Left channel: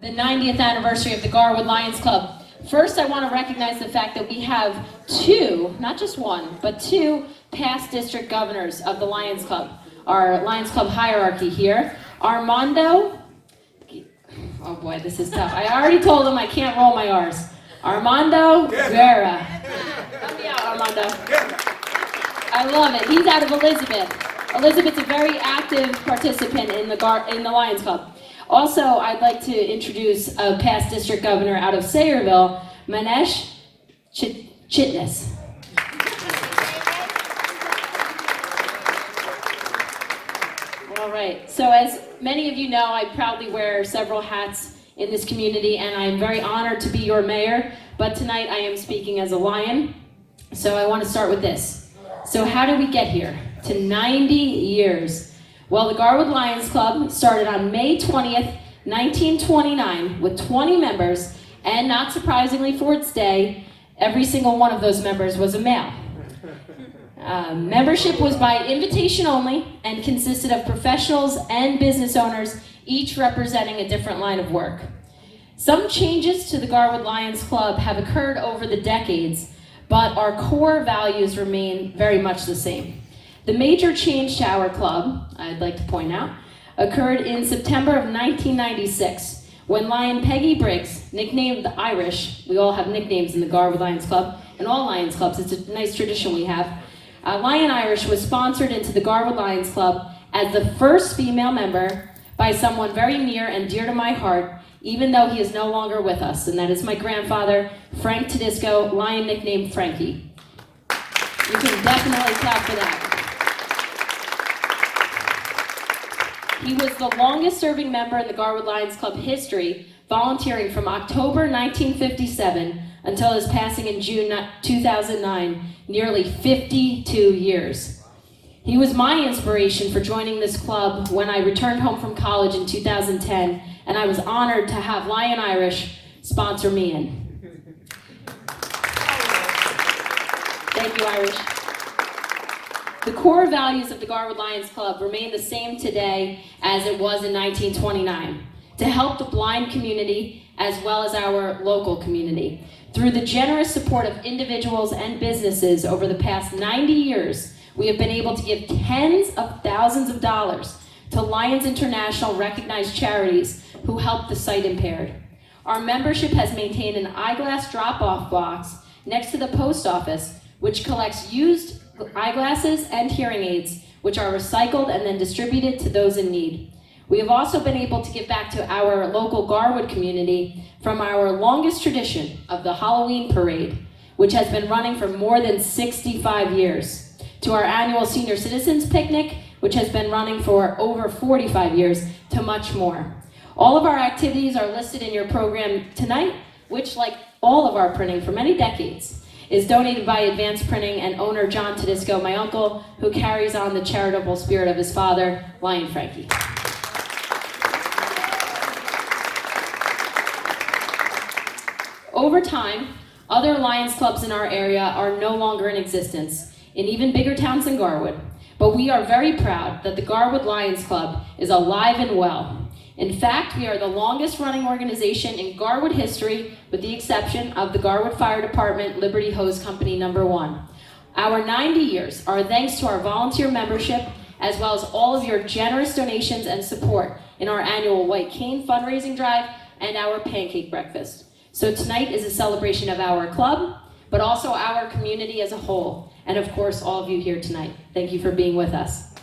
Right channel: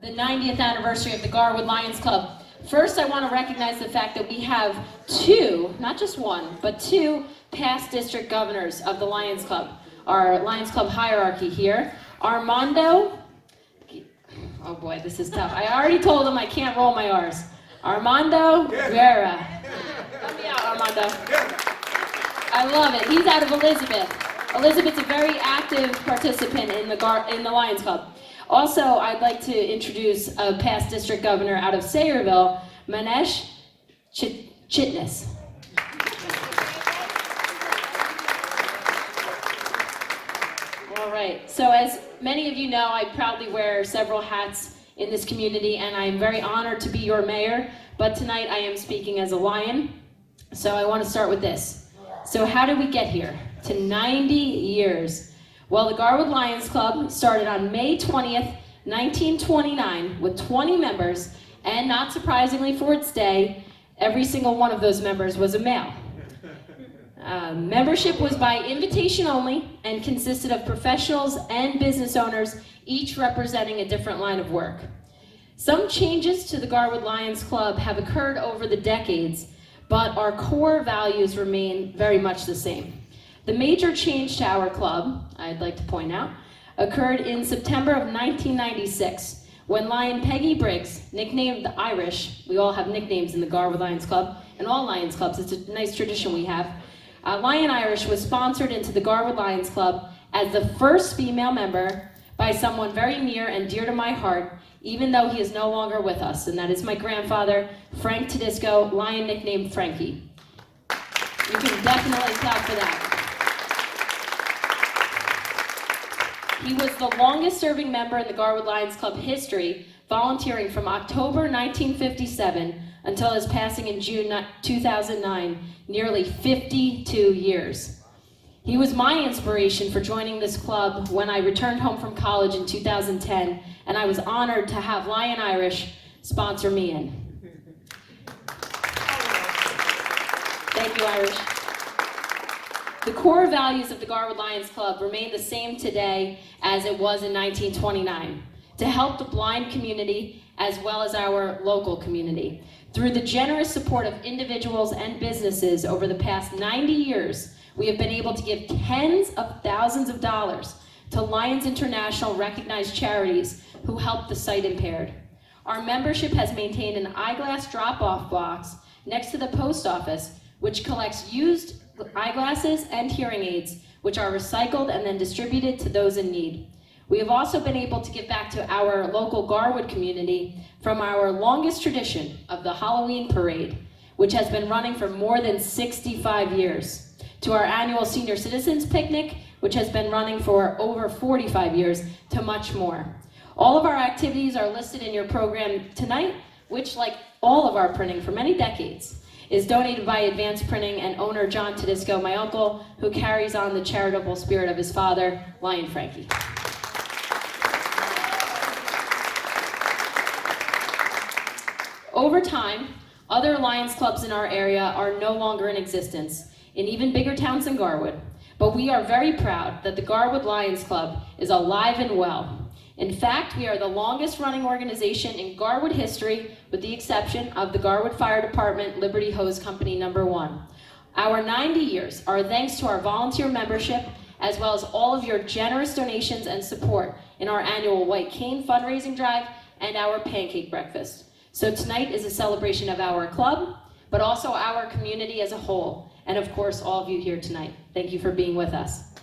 the 90th anniversary of the Garwood Lions Club. First, I want to recognize the fact that we have two, not just one, but two past district governors of the Lions Club. Our Lions Club hierarchy here. Armando, oh boy, this is tough. I already told him I can't roll my R's. Armando Guerra. Help me out, Armando. I love it. He's out of Elizabeth. Elizabeth's a very active participant in the Lions Club. Also, I'd like to introduce a past district governor out of Sayreville, Manesh Chitnis. All right, so as many of you know, I proudly wear several hats in this community, and I am very honored to be your mayor, but tonight I am speaking as a Lion, so I want to start with this. So how did we get here? To 90 years. Well, the Garwood Lions Club started on May 20th, 1929 with 20 members, and not surprisingly for its day, every single one of those members was a male. Membership was by invitation only and consisted of professionals and business owners, each representing a different line of work. Some changes to the Garwood Lions Club have occurred over the decades, but our core values remain very much the same. The major change to our club, I'd like to point out, occurred in September of 1996, when Lion Peggy Briggs, nicknamed the Irish, we all have nicknames in the Garwood Lions Club, and all Lions Clubs, it's a nice tradition we have. Lion Irish was sponsored into the Garwood Lions Club as the first female member by someone very near and dear to my heart, even though he is no longer with us, and that is my grandfather, Frank Todisco, Lion nicknamed Frankie. You can definitely clap for that. He was the longest serving member in the Garwood Lions Club history, volunteering from October 1957 until his passing in June 2009, nearly 52 years. He was my inspiration for joining this club when I returned home from college in 2010, and I was honored to have Lion Irish sponsor me in. Thank you, Irish. The core values of the Garwood Lions Club remain the same today as it was in 1929, to help the blind community as well as our local community. Through the generous support of individuals and businesses over the past 90 years, we have been able to give tens of thousands of dollars to Lions International recognized charities who help the sight impaired. Our membership has maintained an eyeglass drop-off box next to the post office, which collects used eyeglasses and hearing aids, which are recycled and then distributed to those in need. We have also been able to give back to our local Garwood community from our longest tradition of the Halloween parade, which has been running for more than 65 years, to our annual senior citizens picnic, which has been running for over 45 years, to much more. All of our activities are listed in your program tonight, which, like all of our printing for many decades, is donated by Advance Printing and owner John Todisco, my uncle, who carries on the charitable spirit of his father, Lion Frankie. Over time, other Lions clubs in our area are no longer in existence, in even bigger towns than Garwood. But we are very proud that the Garwood Lions Club is alive and well. In fact, we are the longest running organization in Garwood history, with the exception of the Garwood Fire Department Liberty Hose Company number 1. Our 90 years are thanks to our volunteer membership, as well as all of your generous donations and support in our annual White Cane fundraising drive and our pancake breakfast. So tonight is a celebration of our club, but also our community as a whole, and of course all of you here tonight. Thank you for being with us.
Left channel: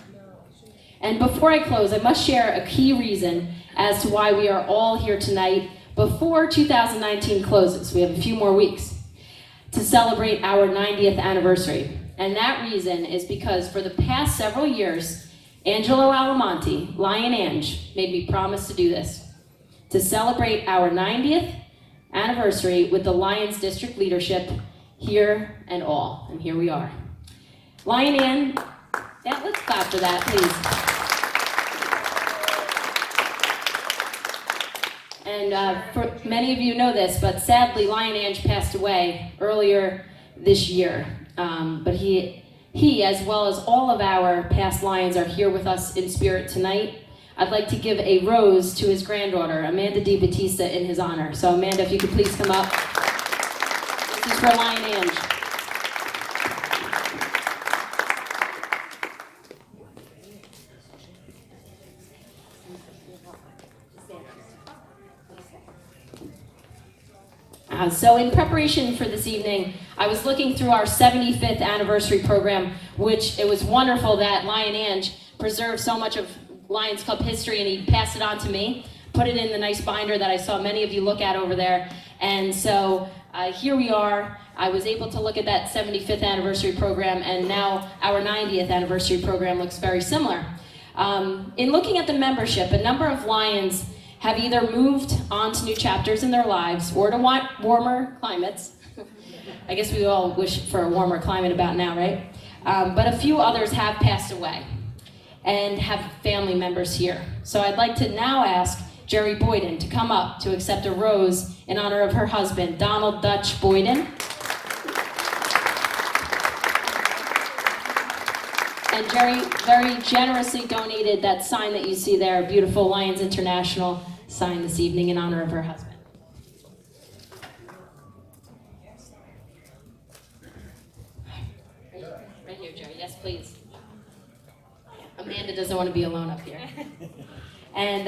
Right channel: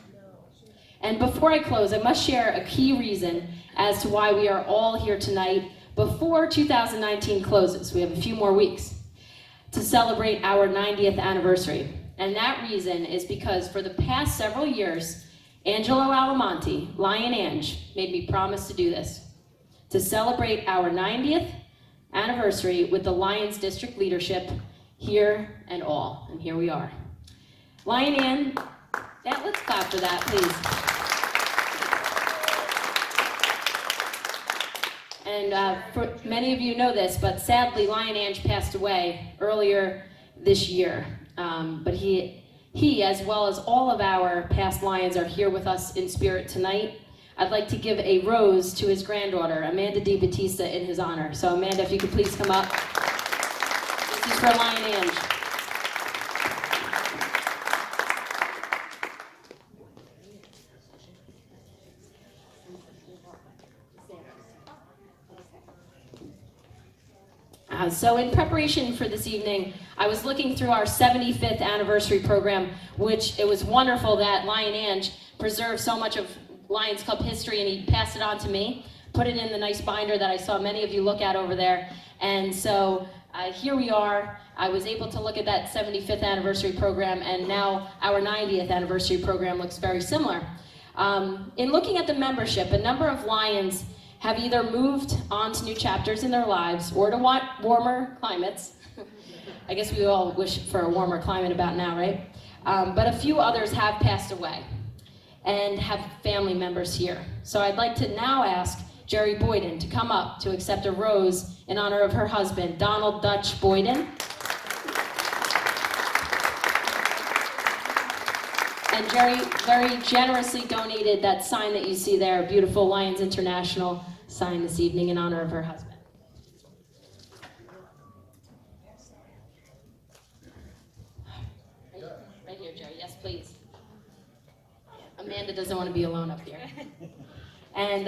And before I close, I must share a key reason as to why we are all here tonight before 2019 closes. We have a few more weeks to celebrate our 90th anniversary. And that reason is because for the past several years, Angelo Alamonte, Lion Ange, made me promise to do this, to celebrate our 90th anniversary with the Lions district leadership here and all. And here we are. Lion Ange, yeah, let's clap for that, please. And for many of you know this, but sadly, Lion Ange passed away earlier this year. But he, as well as all of our past Lions, are here with us in spirit tonight. I'd like to give a rose to his granddaughter, Amanda Di Battista, in his honor. So Amanda, if you could please come up. This is for Lion Ange. So in preparation for this evening, I was looking through our 75th anniversary program, which it was wonderful that Lion Ange preserved so much of Lions Club history, and he passed it on to me, put it in the nice binder that I saw many of you look at over there. And so here we are. I was able to look at that 75th anniversary program, and now our 90th anniversary program looks very similar. In looking at the membership, a number of Lions have either moved on to new chapters in their lives or to warmer climates. I guess we all wish for a warmer climate about now, right? But a few others have passed away and have family members here. So I'd like to now ask Jerry Boyden to come up to accept a rose in honor of her husband, Donald Dutch Boyden. And Jerry very generously donated that sign that you see there, a beautiful Lions International sign this evening in honor of her husband. Right here, Jerry. Yes, please. Amanda doesn't want to be alone up here. And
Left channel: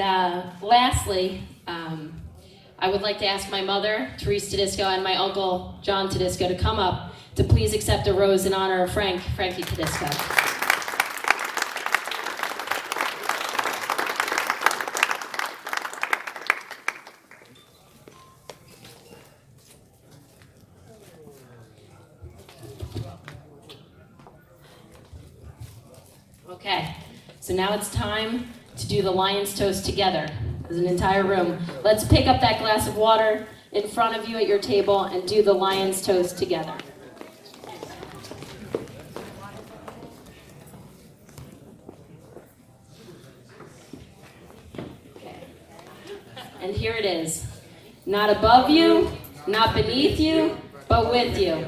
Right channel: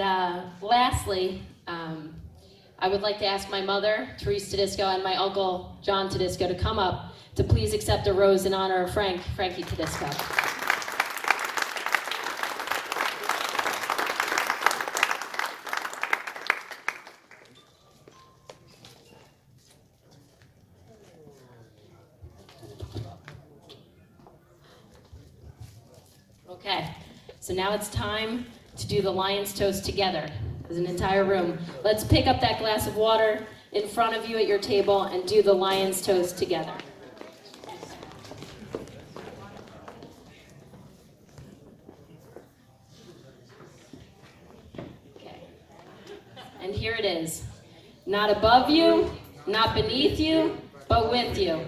lastly, I would like to ask my mother, Sara Todisco, and my uncle, John Todisco, to come up to please accept a rose in honor of Frankie Todisco. Okay, so now it's time to do the Lions Toast together as an entire room. Let's pick up that glass of water in front of you at your table and do the Lions Toast together. Okay. And here it is. Not above you, not beneath you, but with you.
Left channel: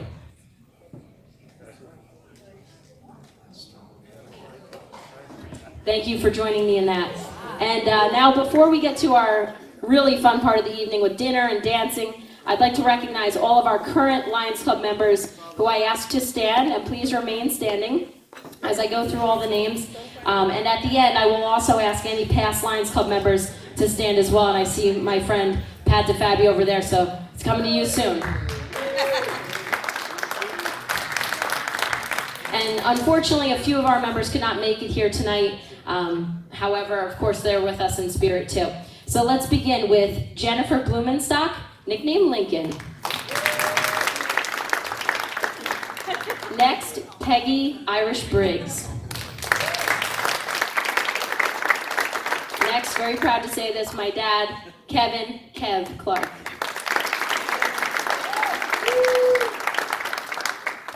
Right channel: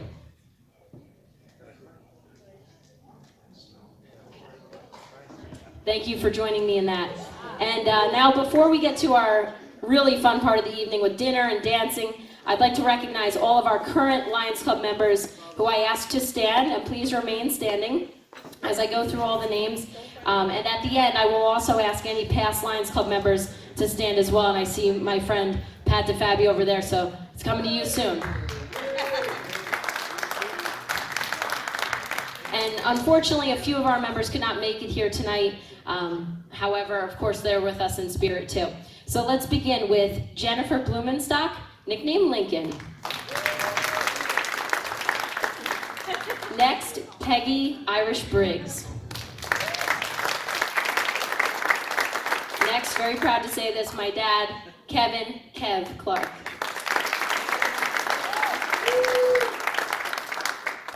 Thank you for joining me in that. And now, before we get to our really fun part of the evening with dinner and dancing, I'd like to recognize all of our current Lions Club members who I asked to stand, and please remain standing as I go through all the names. And at the end, I will also ask any past Lions Club members to stand as well. And I see my friend Pat DeFabio over there, so it's coming to you soon. And unfortunately, a few of our members could not make it here tonight. However, of course, they're with us in spirit too. So let's begin with Jennifer Blumenstock, nicknamed Lincoln. Next, Peggy Irish Briggs. Next, very proud to say this, my dad, Kevin Kev Clark.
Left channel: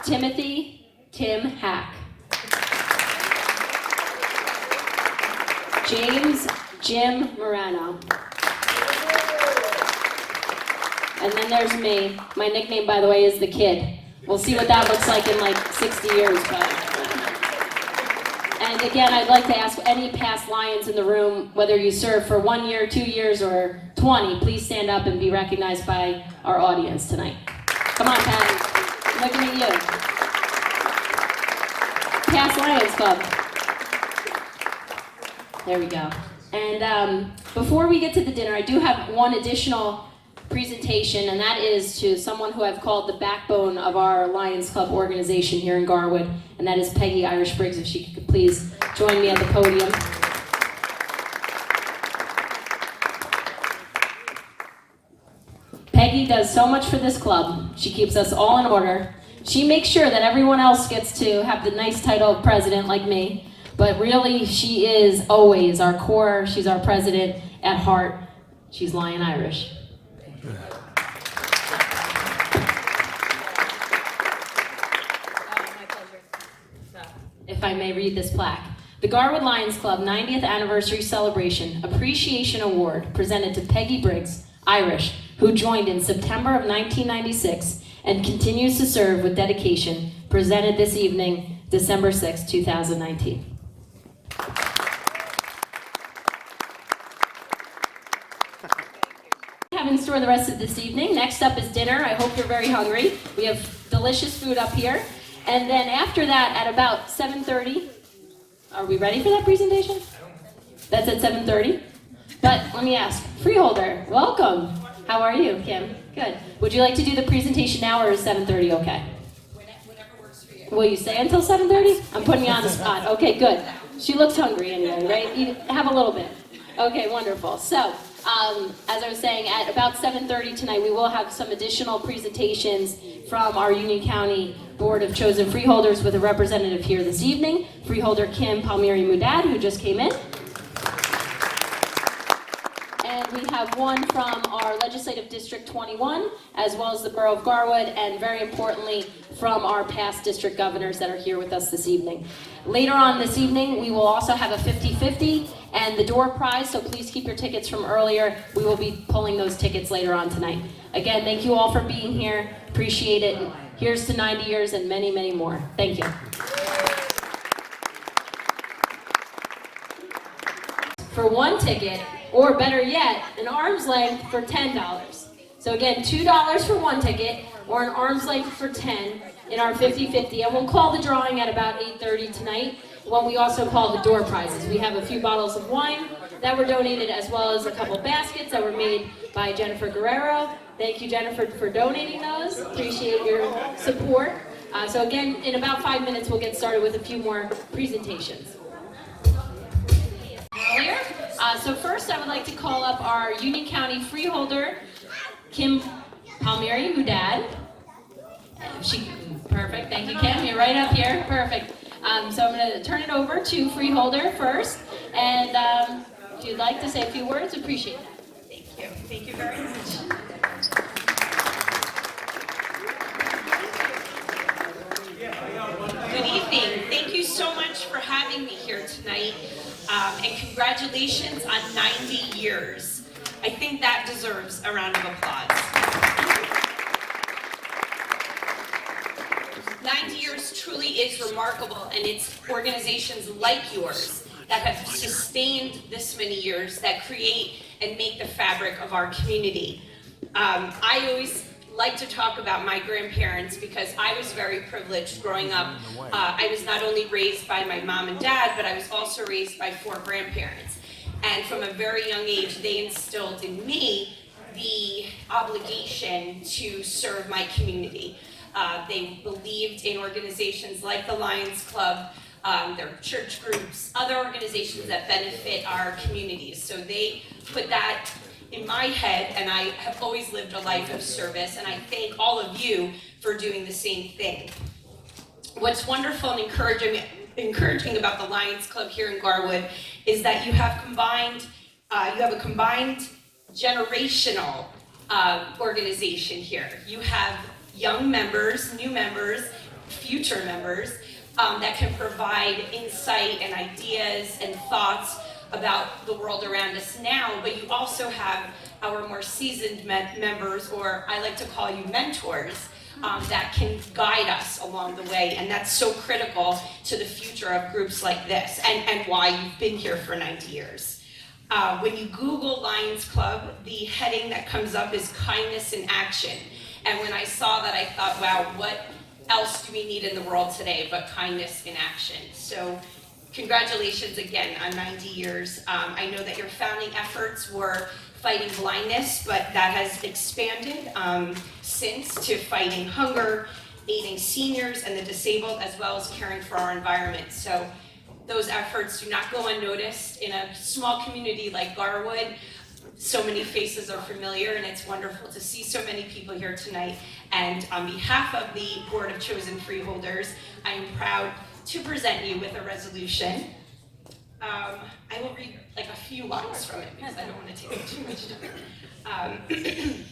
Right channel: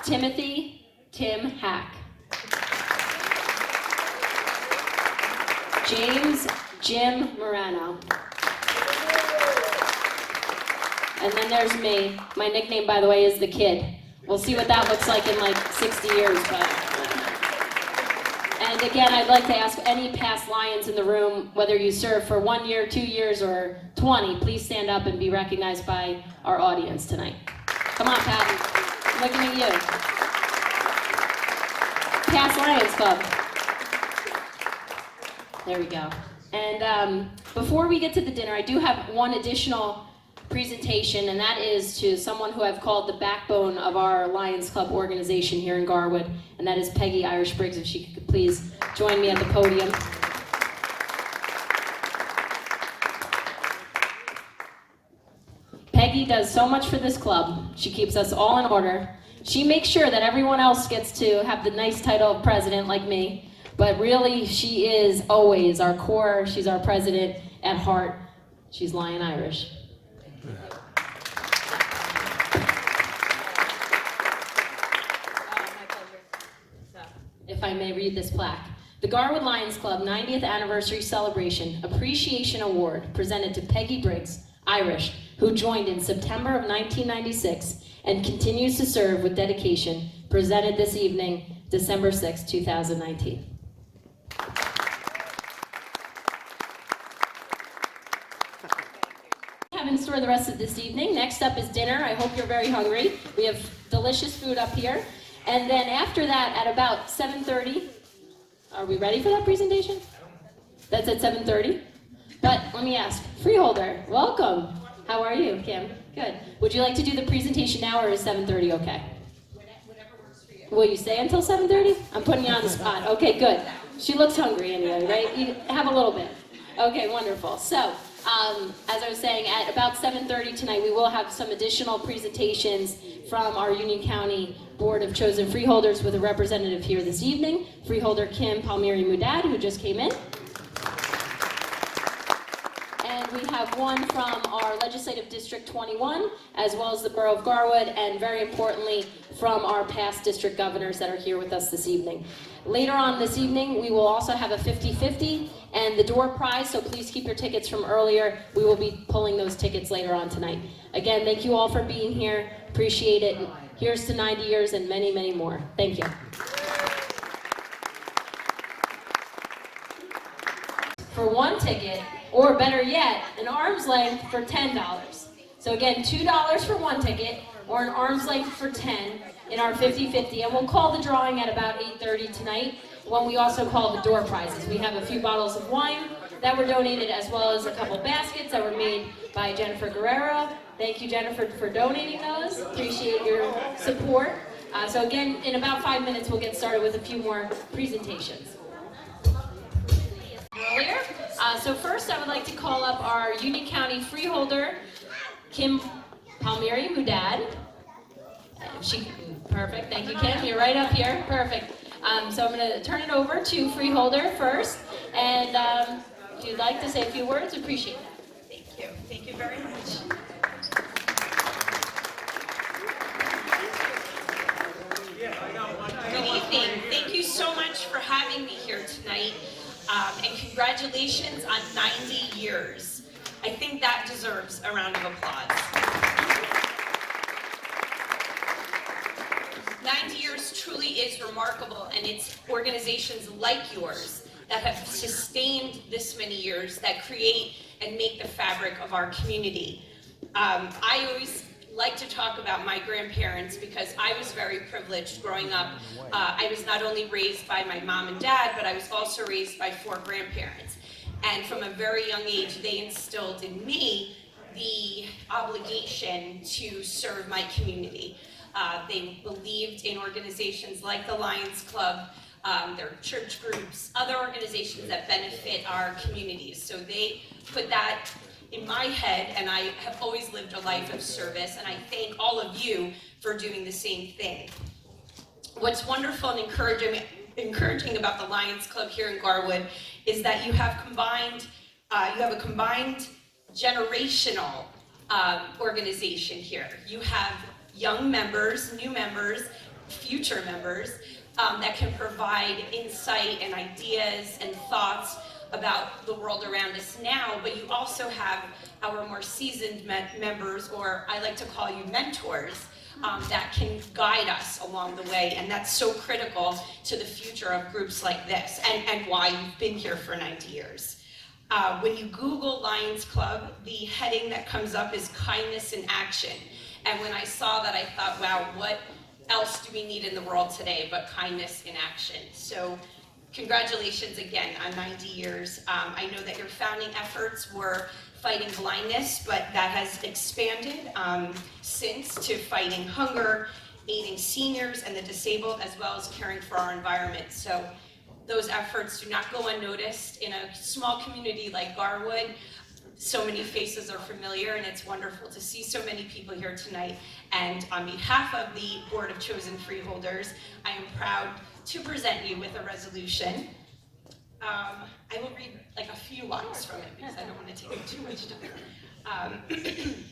Timothy Tim Hack. James Jim Morano. And then there's me. My nickname, by the way, is the Kid. We'll see what that looks like in like 60 years. And again, I'd like to ask any past Lions in the room, whether you served for 1 year, 2 years, or 20, please stand up and be recognized by our audience tonight. Come on, Pat. I'm looking at you. Past Lions Club. There we go. And before we get to the dinner, I do have one additional presentation, and that is to someone who I've called the backbone of our Lions Club organization here in Garwood, and that is Peggy Irish Briggs. If she could please join me at the podium. Peggy does so much for this club. She keeps us all in order. She makes sure that everyone else gets to have the nice title of president like me. But really, she is always our core. She's our president at heart. She's Lion Irish. If I may read this plaque. The Garwood Lions Club 90th Anniversary Celebration Appreciation Award presented to Peggy Briggs, Irish, who joined in September of 1996 and continues to serve with dedication, presented this evening, December 6, 2019. for the rest of this evening. Next up is dinner. I hope you're very hungry. We have delicious food up here. And then after that, at about 7:30, are we ready for that presentation? That's at 7:30? But let me ask, Freeholder, welcome. How are you, Kim? Good. Would you like to do the presentation now, or is 7:30 okay? Whatever works for you. Will you stay until 7:30? I'm putting you on the spot. Okay, good. She looks hungry anyway, right? Have a little bit. Okay, wonderful. So, as I was saying, at about 7:30 tonight, we will have some additional presentations from our Union County Board of Chosen Freeholders with a representative here this evening, Freeholder Kim Palmieri Mudad, who just came in. And we have one from our Legislative District 21, as well as the Borough of Garwood, and very importantly, from our past district governors that are here with us this evening. Later on this evening, we will also have a 50-50 and the door prize, so please keep your tickets from earlier. We will be pulling those tickets later on tonight. Again, thank you all for being here. Appreciate it. Here's to 90 years and many, many more. Thank you. For one ticket, or better yet, an arm's length for $10. So again, $2 for one ticket, or an arm's length for 10 in our 50-50. And we'll call the drawing at about 8:30 tonight, when we also call the door prizes. We have a few bottles of wine that were donated, as well as a couple baskets that were made by Jennifer Guerrero. Thank you, Jennifer, for donating those. Appreciate your support. So again, in about 5 minutes, we'll get started with a few more presentations. Earlier. So first, I would like to call up our Union County Freeholder, Kim Palmieri Mudad. Perfect, thank you, Kim. You're right up here, perfect. So I'm going to turn it over to Freeholder first, and if you'd like to say a few words, appreciate it. Thank you very much. Good evening. Thank you so much for having me here tonight, and congratulations on 90 years. I think that deserves a round of applause. 90 years truly is remarkable, and it's organizations like yours that have sustained this many years that create and make the fabric of our community. I always like to talk about my grandparents because I was very privileged growing up. I was not only raised by my mom and dad, but I was also raised by 4 grandparents. And from a very young age, they instilled in me the obligation to serve my community. They believed in organizations like the Lions Club, their church groups, other organizations that benefit our communities. So they put that in my head, and I have always lived a life of service, and I thank all of you for doing the same thing. What's wonderful and encouraging about the Lions Club here in Garwood is that you have a combined generational organization here. You have young members, new members, future members that can provide insight and ideas and thoughts about the world around us now, but you also have our more seasoned members, or I like to call you mentors, that can guide us along the way, and that's so critical to the future of groups like this, and why you've been here for 90 years. When you Google Lions Club, the heading that comes up is kindness in action. And when I saw that, I thought, wow, what else do we need in the world today but kindness in action? So congratulations again on 90 years. I know that your founding efforts were fighting blindness, but that has expanded since to fighting hunger, aiding seniors and the disabled, as well as caring for our environment. So those efforts do not go unnoticed in a small community like Garwood. So many faces are familiar, and it's wonderful to see so many people here tonight. And on behalf of the Board of Chosen Freeholders, I am proud to present you with a resolution. I will read like a few lines from it because I don't want to take up too much time.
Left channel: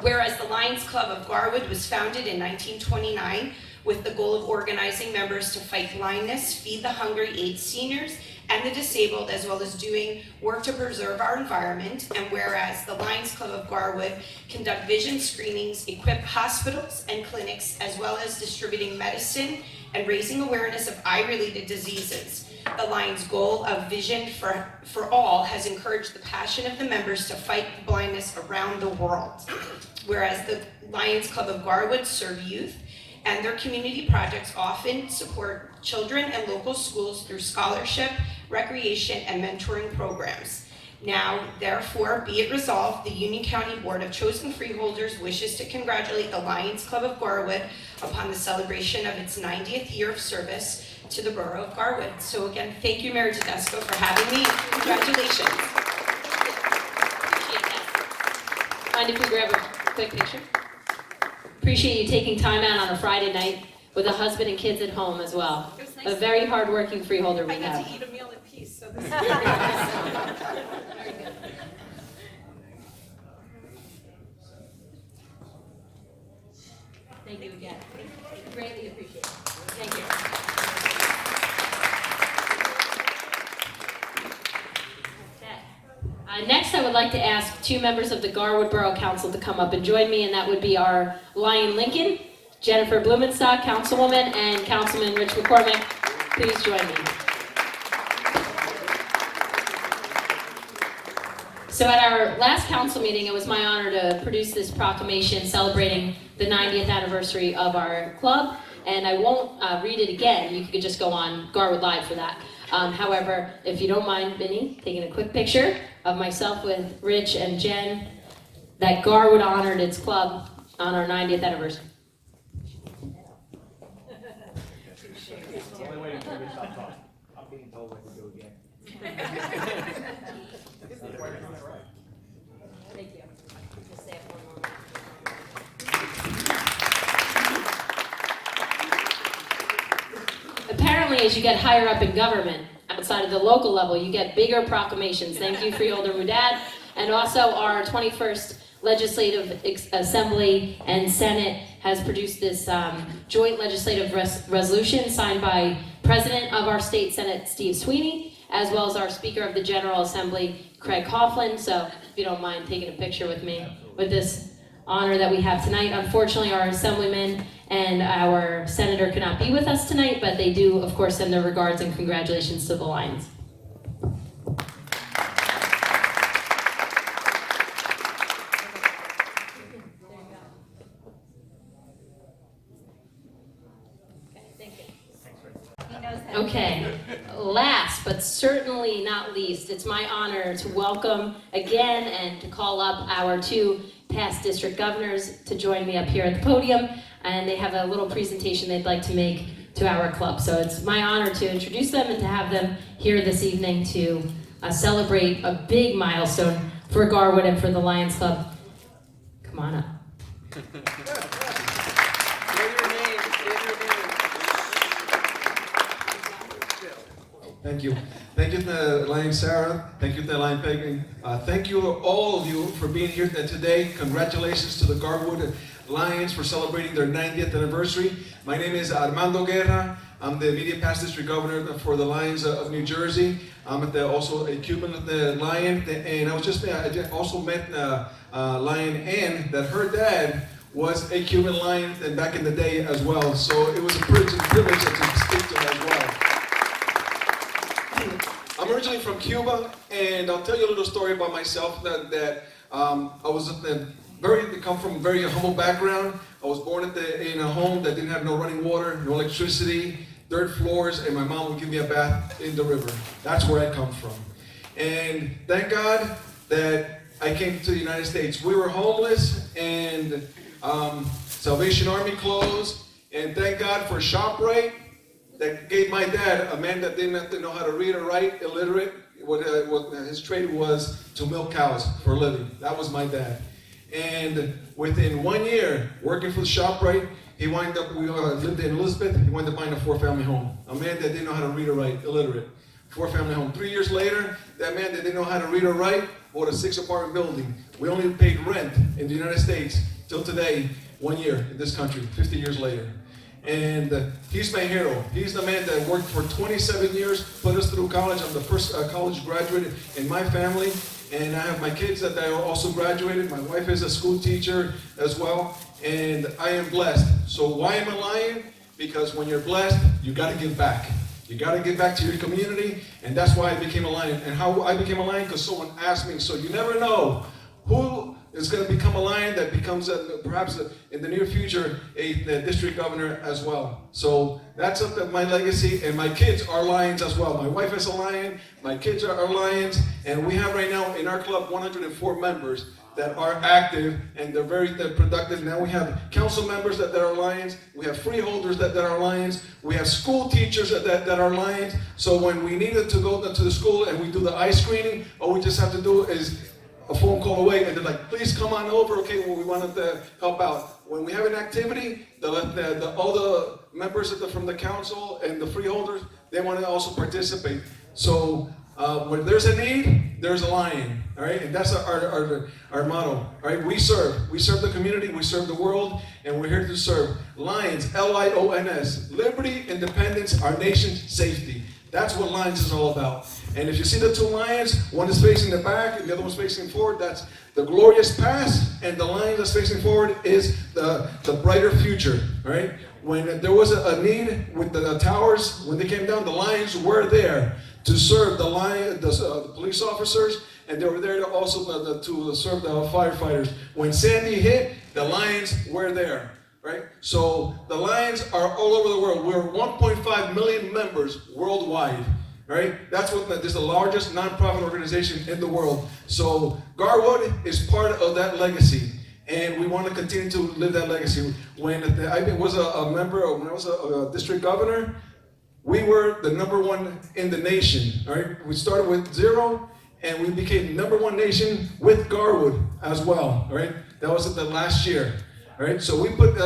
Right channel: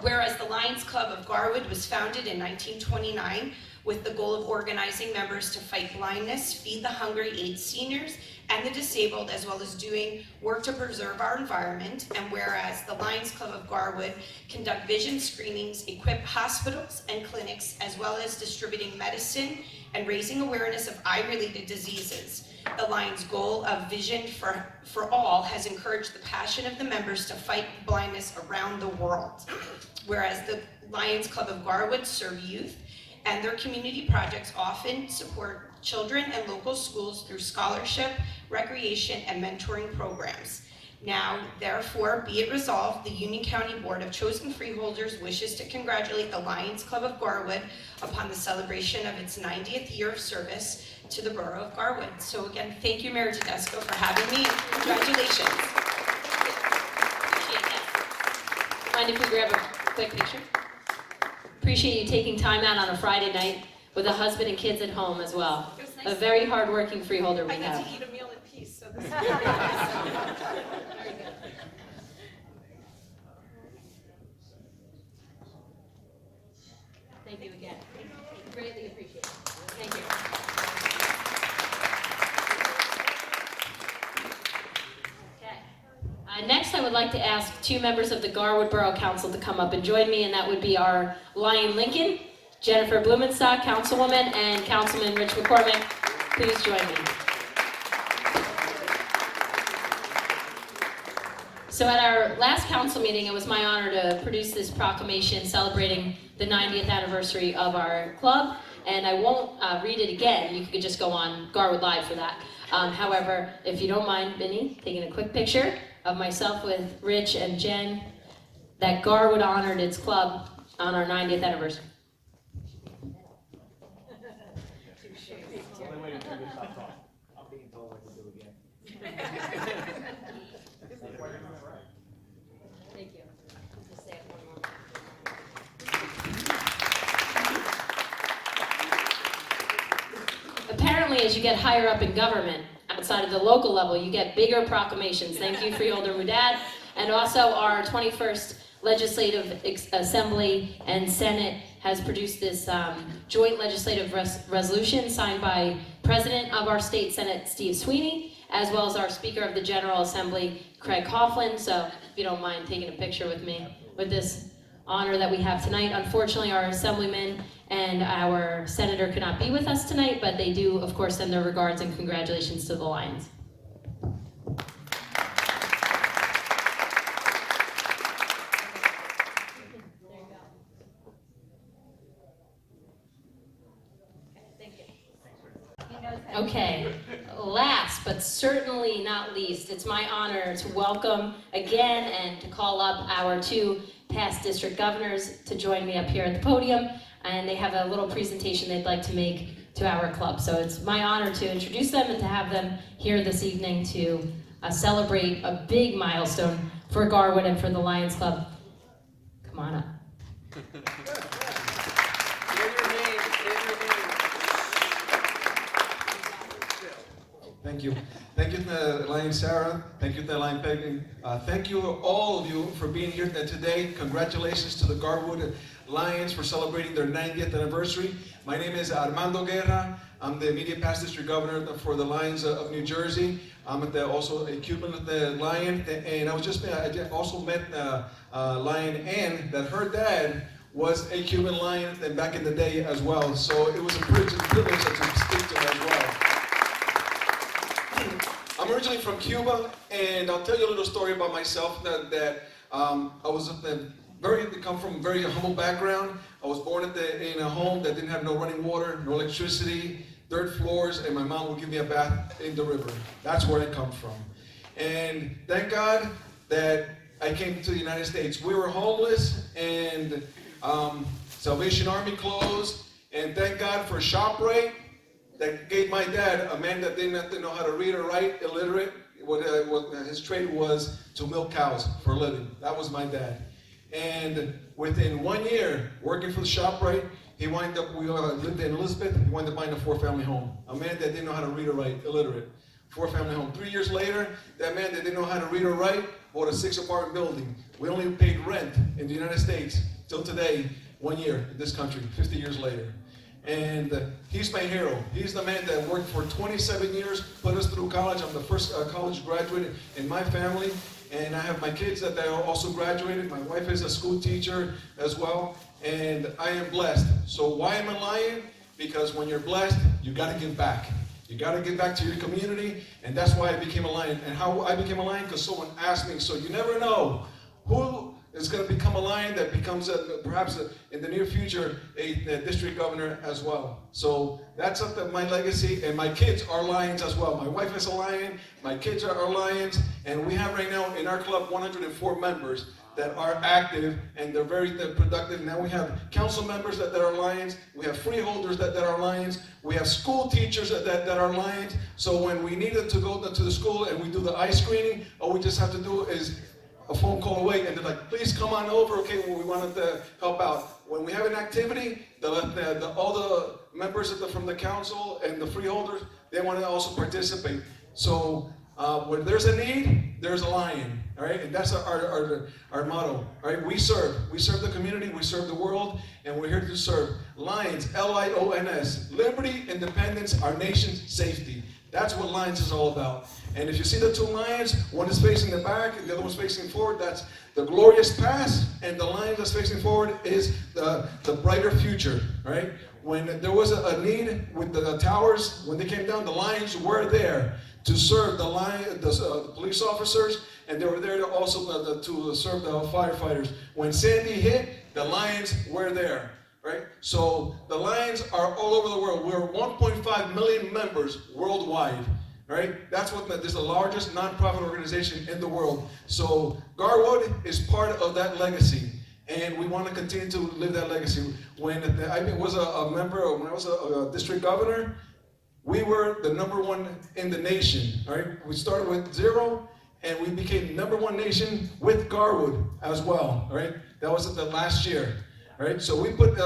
Whereas the Lions Club of Garwood was founded in 1929 with the goal of organizing members to fight blindness, feed the hungry, aid seniors and the disabled, as well as doing work to preserve our environment. And whereas the Lions Club of Garwood conduct vision screenings, equip hospitals and clinics, as well as distributing medicine and raising awareness of eye-related diseases. The Lions' goal of Vision for All has encouraged the passion of the members to fight blindness around the world. Whereas the Lions Club of Garwood serve youth, and their community projects often support children and local schools through scholarship, recreation, and mentoring programs. Now, therefore, be it resolved, the Union County Board of Chosen Freeholders wishes to congratulate the Lions Club of Garwood upon the celebration of its 90th year of service to the borough of Garwood. So again, thank you, Mayor Todisco, for having me. Congratulations. Appreciate that. Mind if we grab a quick picture? Appreciate you taking time out on a Friday night with a husband and kids at home as well. A very hard-working freeholder we I have. get to eat a meal in peace, so this is Very good. Thank you again. Greatly appreciate it. Thank you. Okay. Next, I would like to ask two members of the Garwood Borough Council to come up and join me, and that would be our Lion Lincoln, Jennifer Blumenstock, Councilwoman, and Councilman Rich McCormick. Please join me. So at our last council meeting, it was my honor to produce this proclamation celebrating the 90th anniversary of our club, and I won't read it again. You could just go on Garwood Live for that. However, if you don't mind, Vinny, taking a quick picture of myself with Rich and Jen, that Garwood honored its club on our 90th anniversary. Only waiting for you to stop talking. I'm being told what to do again. Thank you. Just say it one more minute. Apparently, as you get higher up in government, outside of the local level, you get bigger proclamations. Thank you, Freeholder Rudad. And also our 21st Legislative Assembly and Senate has produced this joint legislative resolution signed by President of our State Senate, Steve Sweeney, as well as our Speaker of the General Assembly, Craig Coughlin. So if you don't mind taking a picture with me with this honor that we have tonight. Unfortunately, our Assemblyman and our Senator cannot be with us tonight, but they do, of course, send their regards and congratulations to the Lions. Okay, last but certainly not least, it's my honor to welcome again and to call up our two past district governors to join me up here at the podium, and they have a little presentation they'd like to make to our club. So it's my honor to introduce them and to have them here this evening to celebrate a big milestone for Garwood and for the Lions Club. Come on up. Thank you. Thank you to the Lion Sara. Thank you to the Lion Pegging. Thank you, all of you, for being here today. Congratulations to the Garwood Lions for celebrating their 90th anniversary. My name is Armando Guerra. I'm the immediate past district governor for the Lions of New Jersey. I'm also a Cuban of the Lion, and I also met Lion Ann, that her dad was a Cuban Lion back in the day as well. So it was a privilege to speak to him as well. I'm originally from Cuba, and I'll tell you a little story about myself that I come from a very humble background. I was born in a home that didn't have no running water, no electricity, dirt floors, and my mom would give me a bath in the river. That's where I come from. And thank God that I came to the United States. We were homeless, and Salvation Army closed, and thank God for ShopRite that gave my dad, a man that didn't know how to read or write, illiterate, what his trade was to milk cows for a living. That was my dad. And within 1 year, working for the ShopRite, we lived in Elizabeth, he wound up buying a 4-family home. A man that didn't know how to read or write, illiterate, 4-family home. 3 years later, that man that didn't know how to read or write bought a 6-apartment building. We only paid rent in the United States till today, 1 year in this country, 50 years later. And he's my hero. He's the man that worked for 27 years, put us through college. I'm the first college graduate in my family. And I have my kids that are also graduated. My wife is a school teacher as well. And I am blessed. So why am I a Lion? because when you're blessed, you got to give back. You got to give back to your community, and that's why I became a Lion. And how I became a Lion, because someone asked me, so you never know who is going to become a Lion that becomes, perhaps in the near future, a district governor as well. So that's my legacy, and my kids are Lions as well. My wife is a Lion, my kids are Lions, and we have right now in our club 104 members that are active, and they're very productive. Now we have council members that are Lions, we have freeholders that are Lions, we have school teachers that are Lions. So when we needed to go to the school and we do the eye screening, all we just have to do is a phone call away, and they're like, please come on over, okay, well, we wanted to help out. When we have an activity, all the members from the council and the freeholders, they want to also participate. So when there's a need, there's a Lion, all right? And that's our motto, all right? We serve the community, we serve the world, and we're here to serve. Lions, Lions, liberty, independence, our nation's safety. That's what Lions is all about. And if you see the two lions, one is facing the back and the other one's facing forward, that's the glorious past, and the lion that's facing forward is the brighter future, right? When there was a need with the towers, when they came down, the Lions were there to serve the police officers, and they were there to also to serve the firefighters. When Sandy hit, the Lions were there. Right? So the Lions are all over the world. We're 1.5 million members worldwide. Right? That's what this is the largest nonprofit organization in the world. So Garwood is part of that legacy, and we want to continue to live that legacy. When I was a member, or when I was a district governor, we were the #1 in the nation. Right? We started with 0, and we became #1 nation with Garwood as well. Right? That was the last year. All right, so we put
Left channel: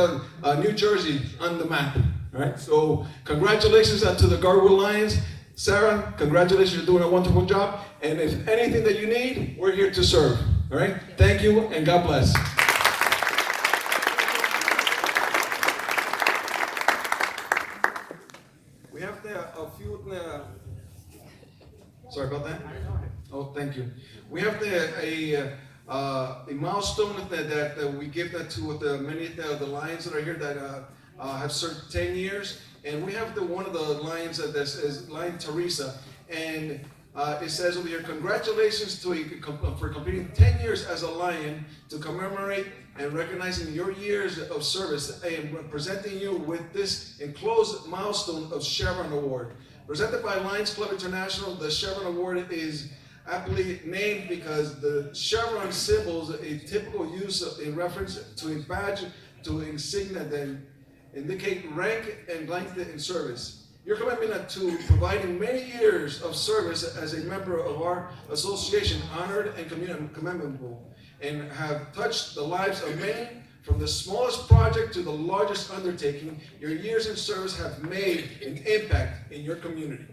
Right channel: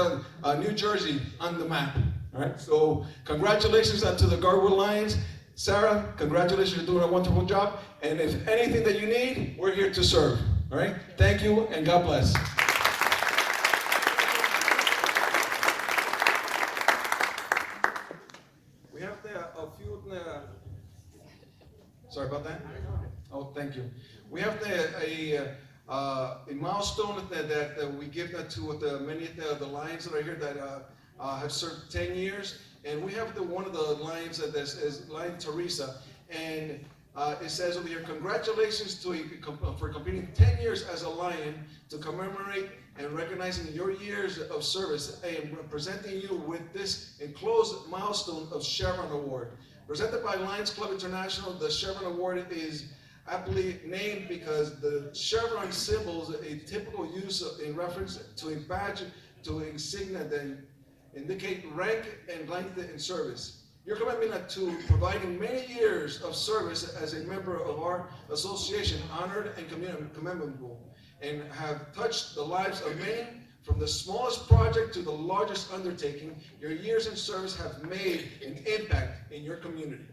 New Jersey on the map. All right, so congratulations to the Garwood Lions. Sarah, congratulations, you're doing a wonderful job. And if anything that you need, we're here to serve. All right, thank you, and God bless. We have a few. Sorry about that. Oh, thank you. We have a milestone that we give to many of the Lions that are here that have served 10 years, and we have one of the Lions that is Lion Teresa, and it says over here, congratulations for completing 10 years as a Lion, to commemorate and recognizing your years of service, and presenting you with this enclosed milestone of Chevron Award. Presented by Lions Club International, the Chevron Award is aptly named because the chevron symbol is a typical use in reference to a badge, to insignia that indicate rank and length in service. Your commitment to providing many years of service as a member of our association, honored and commendable, and have touched the lives of many, from the smallest project to the largest undertaking. Your years in service have made an impact in your community.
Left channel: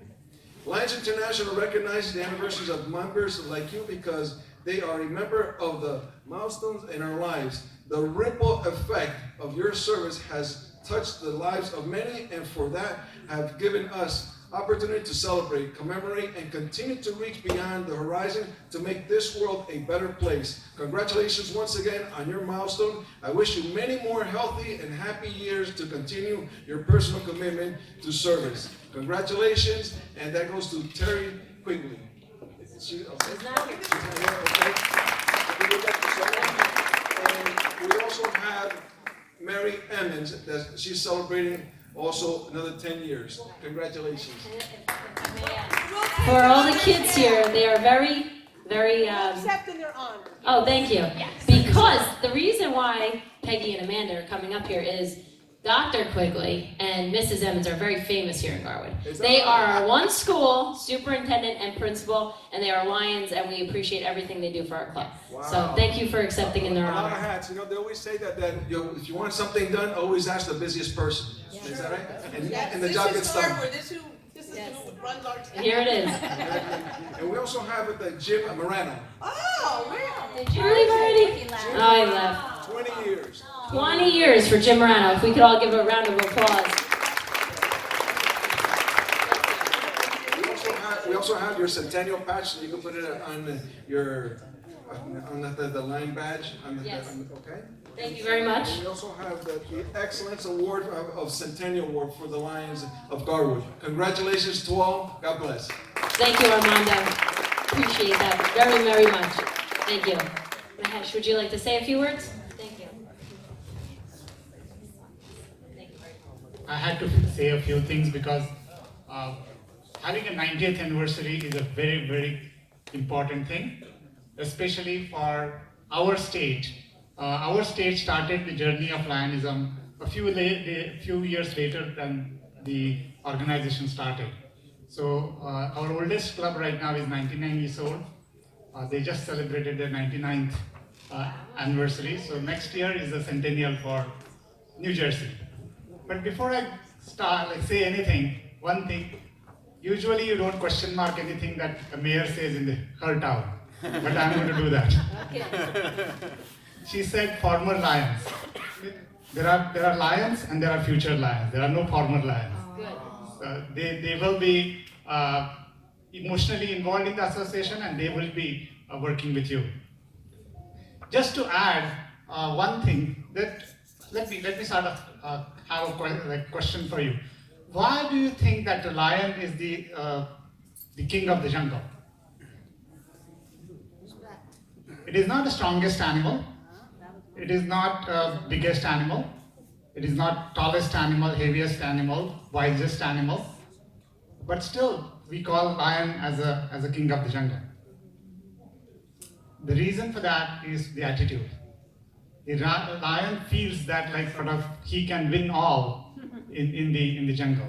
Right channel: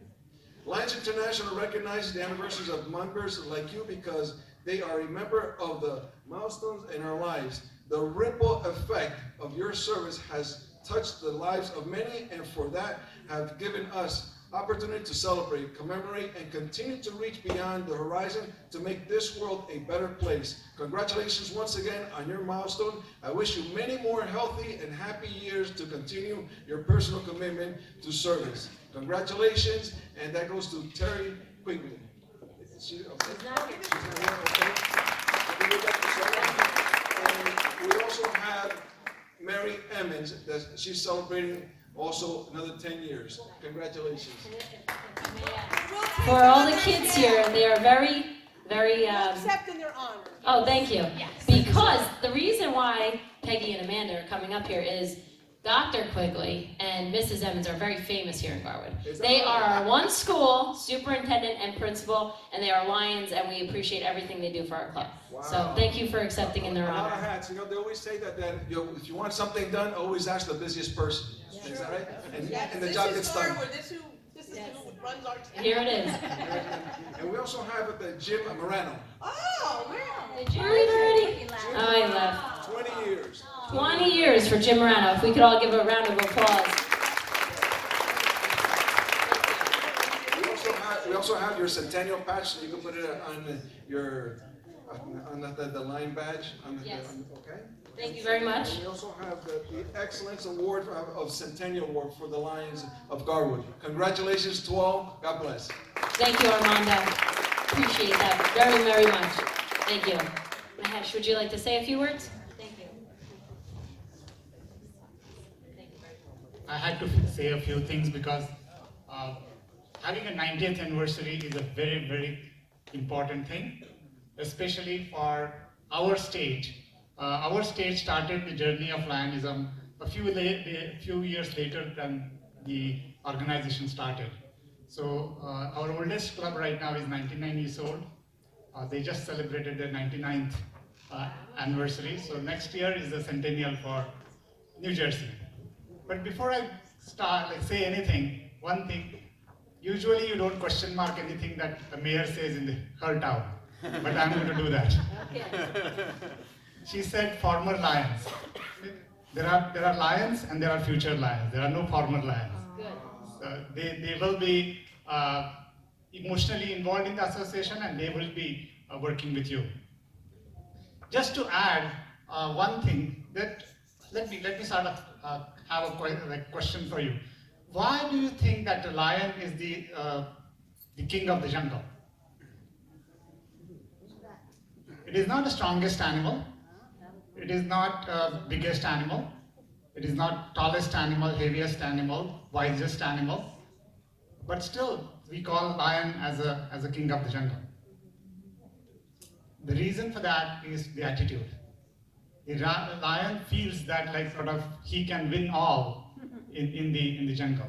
Lions International recognizes the anniversaries of members like you because they are a member of the milestones in our lives. The ripple effect of your service has touched the lives of many, and for that have given us opportunity to celebrate, commemorate, and continue to reach beyond the horizon to make this world a better place. Congratulations once again on your milestone. I wish you many more healthy and happy years to continue your personal commitment to service. Congratulations, and that goes to Terry Quigley. Is she okay? She's not here, okay. And we also have Mary Emmons, that she's celebrating also another 10 years. Congratulations. For all the kids here, they are very, very, Accepting their honor. oh, thank you. Because the reason why Peggy and Amanda are coming up here is Dr. Quigley and Mrs. Emmons are very famous here in Garwood. They are our one school superintendent and principal, and they are Lions, and we appreciate everything they do for our club. Wow. So thank you for accepting in their honor. A lot of hats. You know, they always say that if you want something done, always ask the busiest person. Yeah. Is that right? And the job gets done. This is who runs our town. Here it is. And we also have Jim Morano. Oh, wow. Did you leave already? Oh, I left. 20 years. 20 years for Jim Morano. If we could all give a round of applause. We also have your centennial patch, so you can put it on your the Lion badge. Yes. Okay. Thank you very much. And we also have the Excellence Award of Centennial Award for the Lions of Garwood. Congratulations to all. God bless. Thank you, Armando. Appreciate that very, very much. Thank you. Mahesh, would you like to say a few words? Thank you. I had to say a few things because having a 90th anniversary is a very, very important thing, especially for our state. Our state started the journey of Lionism a few years later than the organization started. So our oldest club right now is 99 years old. They just celebrated their 99th anniversary. So next year is the centennial for New Jersey. But before I say anything, one thing, usually you don't question mark anything that a mayor says in her town, but I'm going to do that. Okay. She said former lions. There are lions and there are future lions. There are no former lions. Good. They will be emotionally involved in the association and they will be working with you. Just to add one thing, that let me sort of have a question for you. Why do you think that the lion is the king of the jungle? It is not the strongest animal. It is not biggest animal. It is not tallest animal, heaviest animal, wisest animal. But still, we call lion as a king of the jungle. The reason for that is the attitude. The lion feels that like sort of he can win all in the jungle.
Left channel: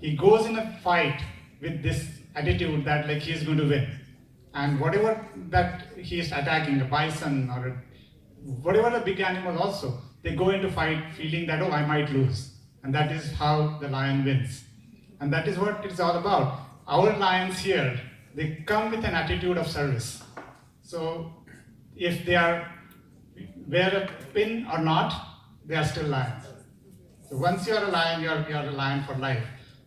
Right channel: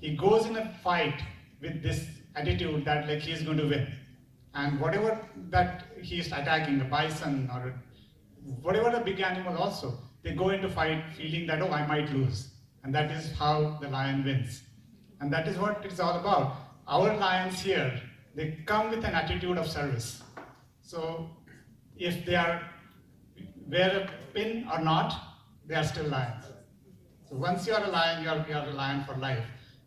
He goes in a fight with this attitude that like he is going to win. And whatever that he is attacking, a bison or whatever the big animal also, they go into fight feeling that, oh, I might lose. And that is how the lion wins. And that is what it's all about. Our lions here, they come with an attitude of service. So if they are wear a pin or not, they are still lions. So once you are a lion, you are a lion for life.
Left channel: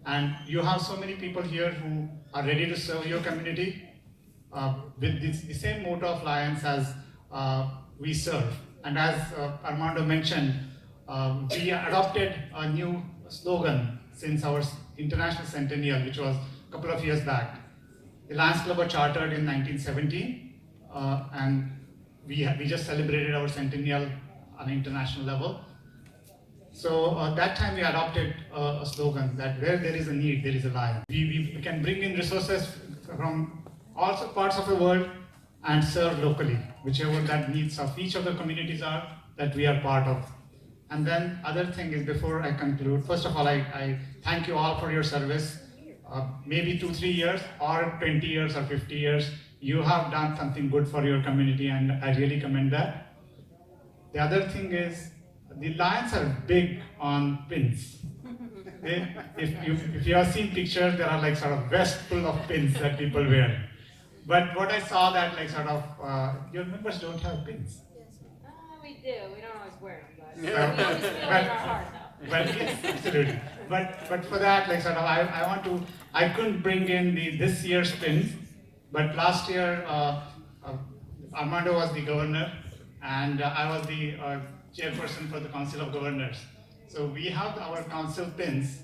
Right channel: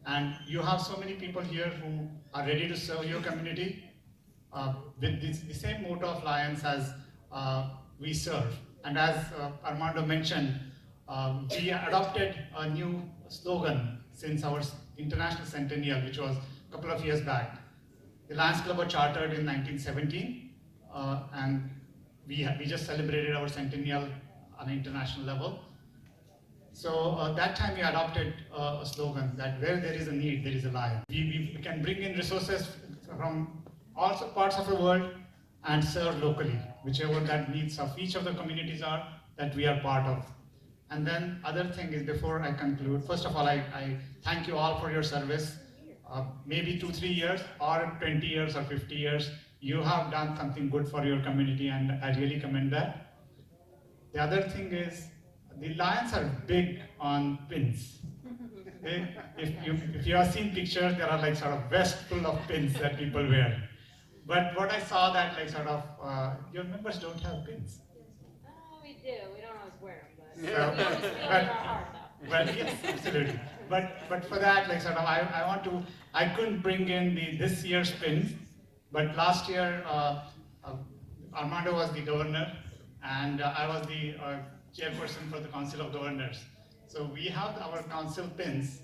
And you have so many people here who are ready to serve your community with the same motto of lions as we serve. And as Armando mentioned, we adopted a new slogan since our international centennial, which was a couple of years back. The Lions Club was chartered in 1917, and we just celebrated our centennial on an international level. So that time we adopted a slogan that where there is a need, there is a lion. We can bring in resources from all parts of the world and serve locally, whichever that needs of each of the communities are that we are part of. And then other thing is, before I conclude, first of all, I thank you all for your service. Maybe 2-3 years or 20 years or 50 years, you have done something good for your community, and I really commend that. The other thing is, the lions are big on pins. If you have seen pictures, there are like sort of vest full of pins that people wear. But what I saw that like sort of, your members don't have pins. We do. We don't always wear them, Yeah. we always feel in our heart, though. But yes, absolutely. But for that, like sort of, I couldn't bring in this year's pins, but last year Armando was the governor, and I was the chairperson for the Council of Governors. So we have our council pins.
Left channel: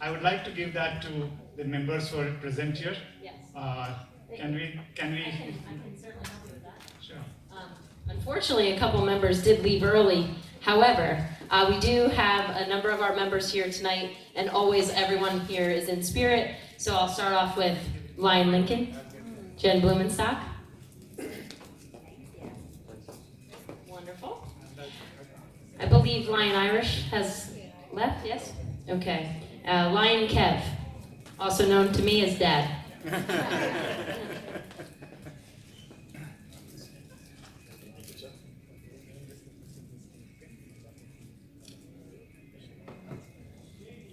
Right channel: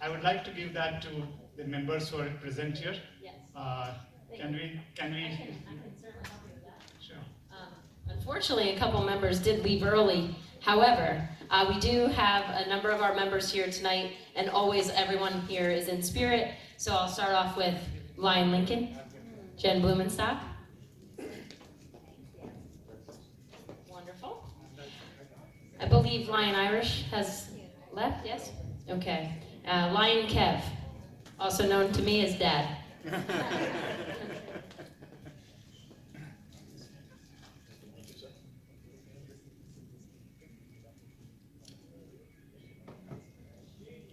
I would like to give that to the members who are present here. Yes. Can we? I can certainly help you with that. Sure. Unfortunately, a couple members did leave early. However, we do have a number of our members here tonight, and always everyone here is in spirit. So I'll start off with Lion Lincoln, Jen Blumenstock. Wonderful. I believe Lion Irish has left, yes? Okay. Lion Kev, also known to me as Dad.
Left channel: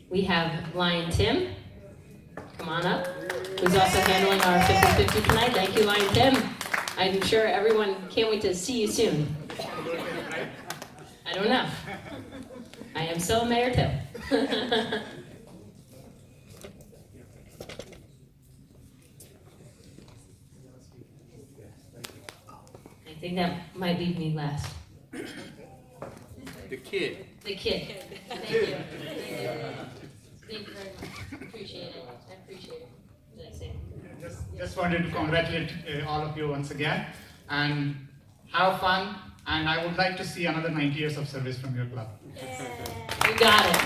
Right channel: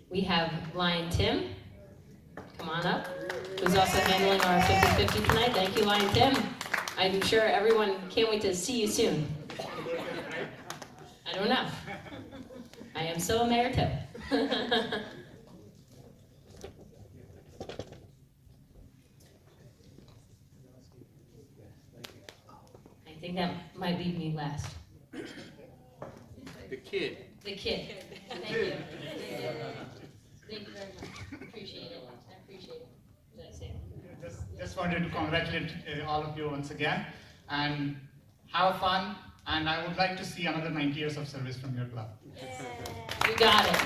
We have Lion Tim, come on up, who's also handling our 50-50 tonight. Thank you, Lion Tim. I'm sure everyone can't wait to see you soon. I don't know. I am so Mayor too. Thank think that might leave me last. The kid. The kid. Thank you. Thank you very much. Appreciate it. I appreciate it. What did I say? Just wanted to congratulate all of you once again and have fun. And I would like to see another 90 years of service from your club. You got it.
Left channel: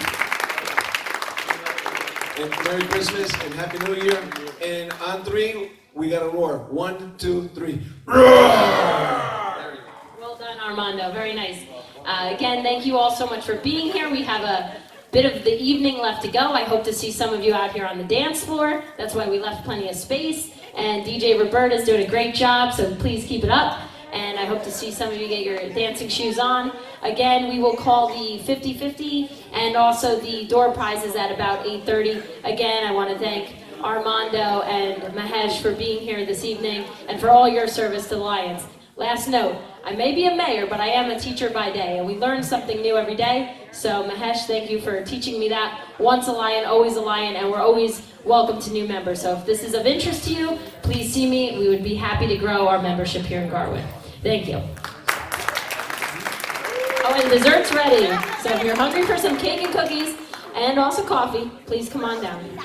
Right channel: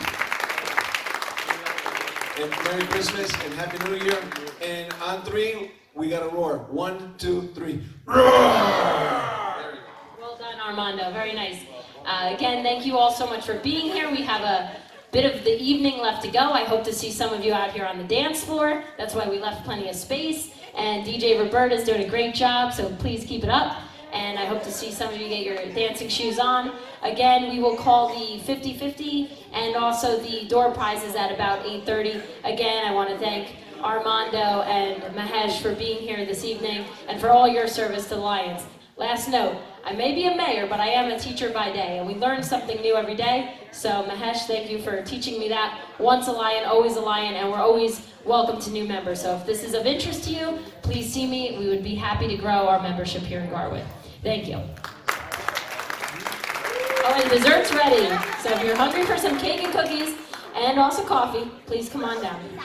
And Merry Christmas and Happy New Year. And on 3, we got to roar. 1, 2, 3. Roar! Well done, Armando. Very nice. Again, thank you all so much for being here. We have a bit of the evening left to go. I hope to see some of you out here on the dance floor. That's why we left plenty of space. And DJ Roberta is doing a great job, so please keep it up. And I hope to see some of you get your dancing shoes on. Again, we will call the 50-50 and also the door prizes at about 8:30. Again, I want to thank Armando and Mahesh for being here this evening and for all your service to Lions. Last note, I may be a mayor, but I am a teacher by day, and we learn something new every day. So Mahesh, thank you for teaching me that. Once a Lion, always a Lion, and we're always welcome to new members. So if this is of interest to you, please see me. We would be happy to grow our membership here in Garwood. Thank you. Oh, and dessert's ready. So if you're hungry for some cake and cookies, and also coffee, please come on down.